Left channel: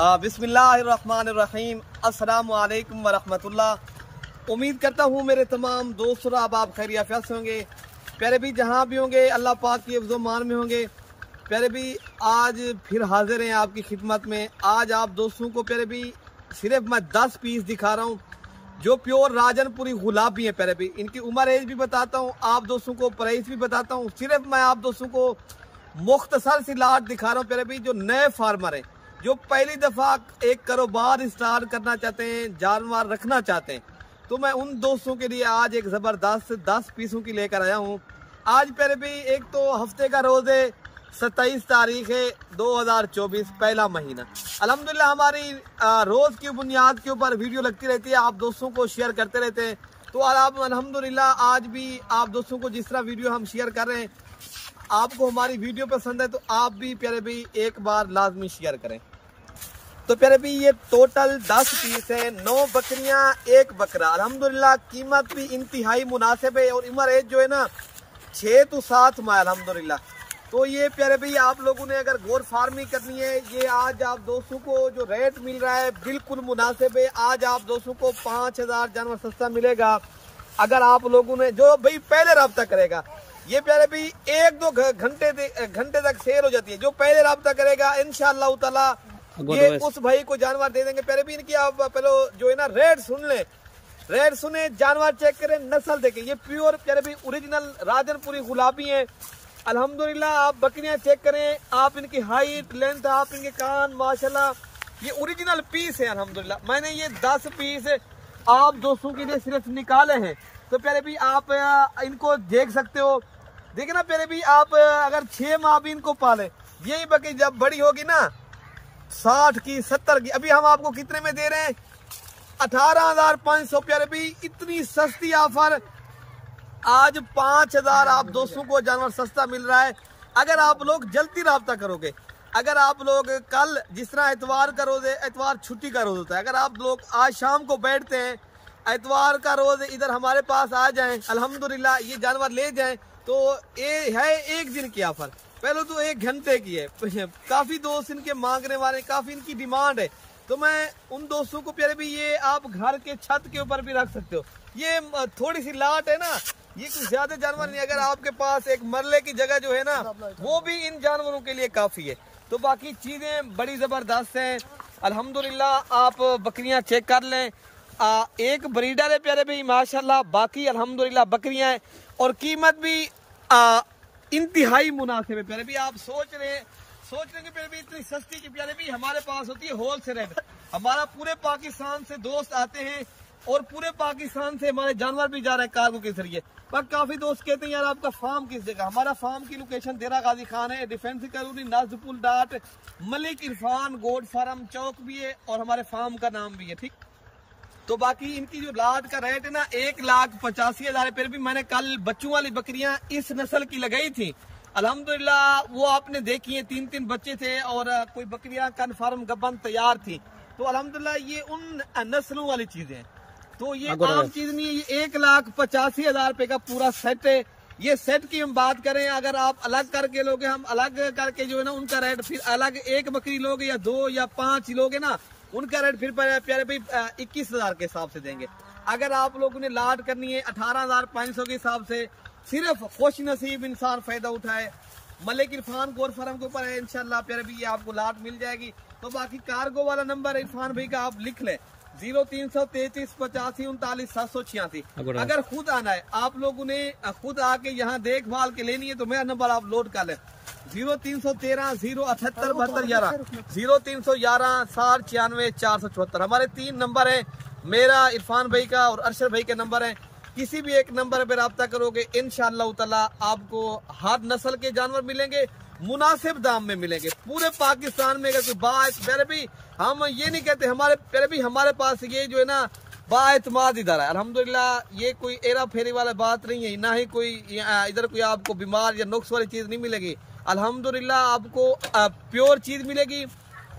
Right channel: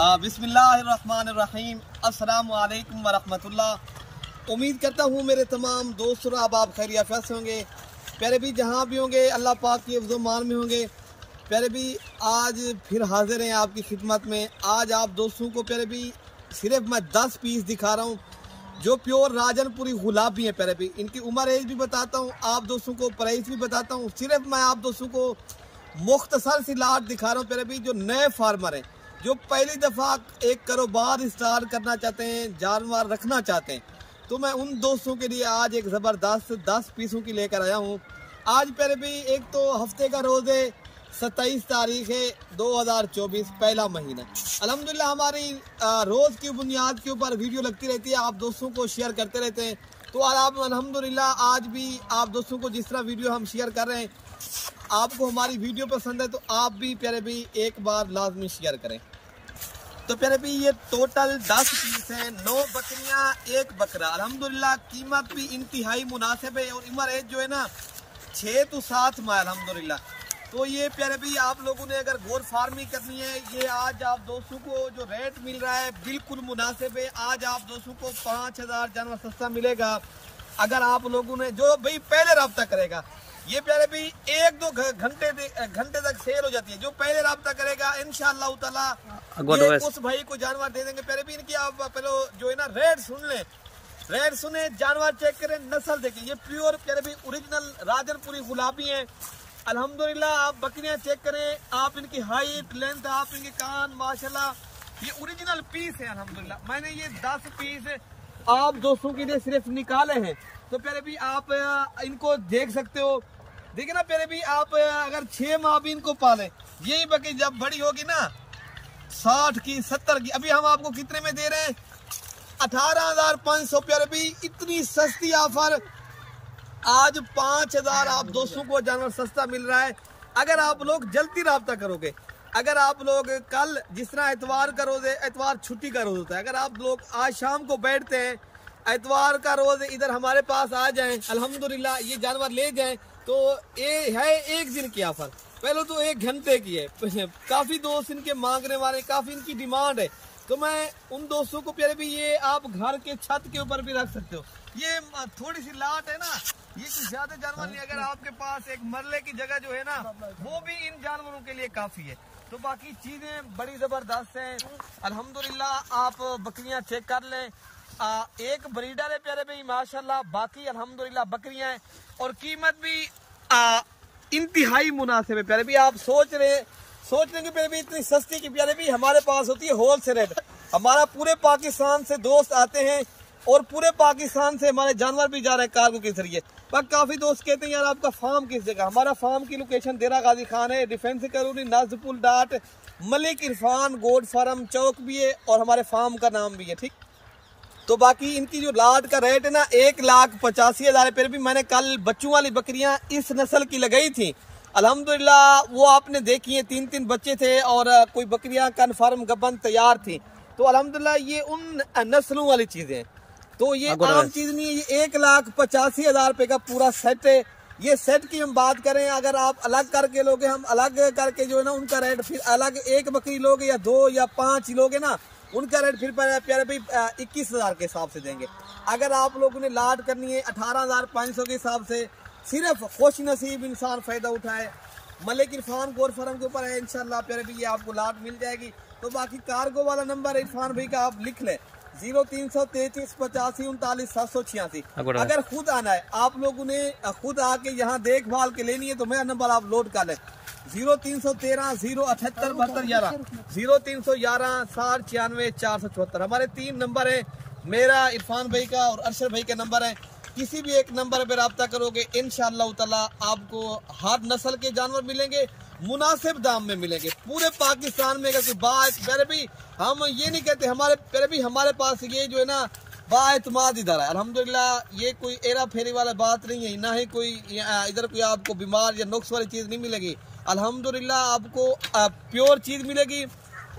बिस्मिल्लाहिर्रहमानिर्रहीम, अस्सलामु अलैकुम वरहमतुल्लाह। उम्मीद करता हूँ मेरे तमाम दोस्त और आप खैरियत से होंगे। प्यारे भी जहाँ भी होंगे अल्लाह पाक की हिफ्ज़ मान में होंगे। प्यारे भी आज फिर हाजिर हैं आपकी खिदमत में। आज आप दोस्तों को प्यारे भी सिर्फ मैं 10 पीस दिखा रहा हूँ जो प्योर राजनपुरी गुलाबी हैं। प्यारे भी इनकी उम्र एज भी बताता हूँ, आप दोस्तों को प्राइस भी बताता हूँ। सिर्फ मैं आप दोस्तों को मुख्तसर सी लाट दिखा रहा हूँ प्यारे भी, जो नए फार्मर हैं, जो पहली दफ़ा एक कारोबार स्टार्ट करना चाहते हैं, जानवर रखना चाहते हैं, तो मैं उन दोस्तों के लिए आज एक ज़बरदस्त 10 पीसों की लेकर आया हूँ। आज प्यारे भी एक तो हफ्ते का रोज़ है, 27 तारीख है 2024, पहला महीना। अल्हम्दुलिल्लाह हमारी रोज़ की बुनियाद के ऊपर वीडियो लगती रहती है, आप दोस्तों को शेयर करते रहते हैं। तो आप अल्हम्दुलिल्लाह आज भी आप दोस्तों को जिस तरह वीडियो हम शेयर कर रहे हैं, आपको हमारी वीडियो पसंद है तो आप भी प्यारे भी एक बार लाजमी शेयर करें। तो प्यारे भी ये टोटल 10 पीस है, 9 बकरियां 1 बकरा। अल्हम्दुलिल्लाह कीमत भी इंतहाई मुनासिब है और उम्र एज जो है ना 6 to 7 माह अल्हम्दुलिल्लाह। तो ये प्यारे भी आप लोगों ने अगर गोर फार्मिंग करनी है, ये आज आप दोस्तों को जो रेट मिल रहा है बिल्कुल मुनासिब है। आज आप दोस्तों को 5000 जानवर सस्ता मिलेगा अगर आप लोगों ने जो भाई पहले रब्ता करेगा। ये प्यारे भी 1-2 घंटे तक सेल हो जाती है। जो पहले रब्ता करेगा इंशाअल्लाह ताला ये उस भाई को जानवर दे देंगे। प्यारे भी इनकी आप पहले जो है ना रेट सुन ले, रेट सुने, जानवर चेक करें, नस्ल देखें। ये प्योर प्यारे भी ओरिजिनल राजनपुरी गुलाबी है अल्हम्दुलिल्लाह। आप बकरियां चेक करें, आप इनकी हाइट लेंथ, आप इनके कान, माशाल्लाह ये ओरिजिनल पीस है अल्हम्दुलिल्लाह। मैंने ये 10 पीस आप दोस्तों के लिए सिर्फ निकाले हैं। तो प्यारे भी आप इनको देख सकते हो। देखिए ना प्यारे भी, आप अगर 6 माह भी इनको पाले, यही बकरी जब बड़ी होगी ना 60 की 70 की, अभी हम आपको कितने में दे रहे हैं 18,500। प्यारे भी इतनी सस्ती ऑफर, आज 5000 आप दोस्तों को जानवर सस्ता मिल रहा है अगर आप लोग जल्दी राब्ता करोगे। अगर आप लोग कल जिस तरह एतवार का रोज है, एतवार छुट्टी का रोज होता है, अगर आप लोग आज शाम को बैठते हैं, एतवार का रोज इधर हमारे पास आ जाएं, अल्हम्दुलिल्लाह ये जानवर ले जाएं, तो ये है 1 दिन की ऑफर। पहले तो 1 घंटे की है। काफी दोस्त इनके मांगने वाले, काफी इनकी डिमांड है। तो मैं उन दोस्तों को प्यारे भी ये आप घर के छत के ऊपर भी रख सकते हो। ये थोड़ी सी लाट है ना, ये कुछ ज्यादा जानवर नहीं। अगर आपके पास एक मरले की जगह जो है ना, वो भी इन जानवरों के लिए काफी है। तो बाकी चीजें बड़ी जबरदस्त हैं अल्हम्दुलिल्लाह। आप बकरियां चेक कर लें, एक ब्रीडर है प्यारे भाई माशाल्लाह, बाकी अल्हम्दुलिल्लाह बकरियां हैं और कीमत भी इंतहाई मुनासिब है। प्यारे भी आप सोच रहे कि प्यारे भी इतनी सस्ती की, प्यारे भी हमारे पास होती है होलसेल रेट। हमारा पूरे पाकिस्तान से दोस्त आते हैं और पूरे पाकिस्तान से हमारे जानवर भी जा रहे हैं कार्गो के जरिए। पर काफी दोस्त कहते हैं यार आपका फार्म किस जगह। हमारा फार्म की लोकेशन देरा गाजी खान है, डिफेंस कॉलोनी, नाजपुल डाट, मलिक इरफान गोड फार्म चौक भी है और हमारे फार्म का नाम भी है। ठीक, तो बाकी इनकी जो लाट का रेट है ना 1,85,000। फिर भी मैंने कल बच्चों वाली बकरियां इस नस्ल की लगाई थी अल्हम्दुलिल्लाह, वो आपने देखी है, 3-3 बच्चे थे और कोई बकरियां कन्फर्म गबन तैयार थी। तो अल्हम्दुलिल्लाह ये उन नस्लों वाली चीजें, तो ये आम चीज नहीं है। ये 1,85,000 रुपए का पूरा सेट है। ये सेट की हम बात करें, अगर आप अलग करके लोगे, हम अलग करके जो है ना उनका रेट फिर अलग, 1 बकरी लोगे या 2 या 5 लोगे ना, उनका रेट फिर प्यारे भाई 21,000 के हिसाब से देंगे। अगर आप लोगों ने लाट करनी है 18,500 के हिसाब से, सिर्फ खुश नसीब इंसान फायदा उठाए। मलिक इरफान गोर फार्म के ऊपर है इंशाल्लाह प्यारे भी ये आपको लाट मिल जाएगी। तो बाकी कार्गो वाला नंबर इरफान भाई का आप लिख लें, 0333 85 39 786। अगर खुद आना है, आप लोगों ने खुद आके यहाँ देखभाल के लेनी है, तो मेरा नंबर आप लोड कर लें, 0313 078 72 11 0311 60 96 474। हमारे 3 नंबर है, मेरा, इरफान भाई का और अरशद भाई का नंबर है। किसी भी एक नंबर पे रब्ता करोगे इंशाअल्लाह ताला आपको हर नस्ल के जानवर मिलेंगे, मुनासिब दाम में मिलेंगे। पूरे पाकिस्तान में अगर कोई बात प्यारे भी, हम ये नहीं कहते हमारे प्यारे भी, हमारे पास ये जो है ना बाएतमाद इधर है अल्हम्दुलिल्लाह। ये कोई एरा फेरी वाला बात नहीं है, ना ही कोई इधर कोई आपको बीमार या नुक्स वाली चीज नहीं मिलेगी। अल्हम्दुलिल्लाह आपको प्योर चीज मिलेगी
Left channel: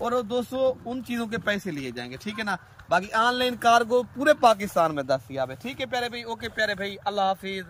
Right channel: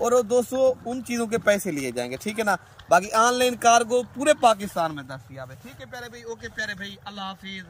और दोस्तों उन चीजों के पैसे लिए जाएंगे। ठीक है ना, बाकी ऑनलाइन कार्गो पूरे पाकिस्तान में दस्तयाब है। ठीक है प्यारे भाई, ओके प्यारे भाई, अल्लाह हाफिज।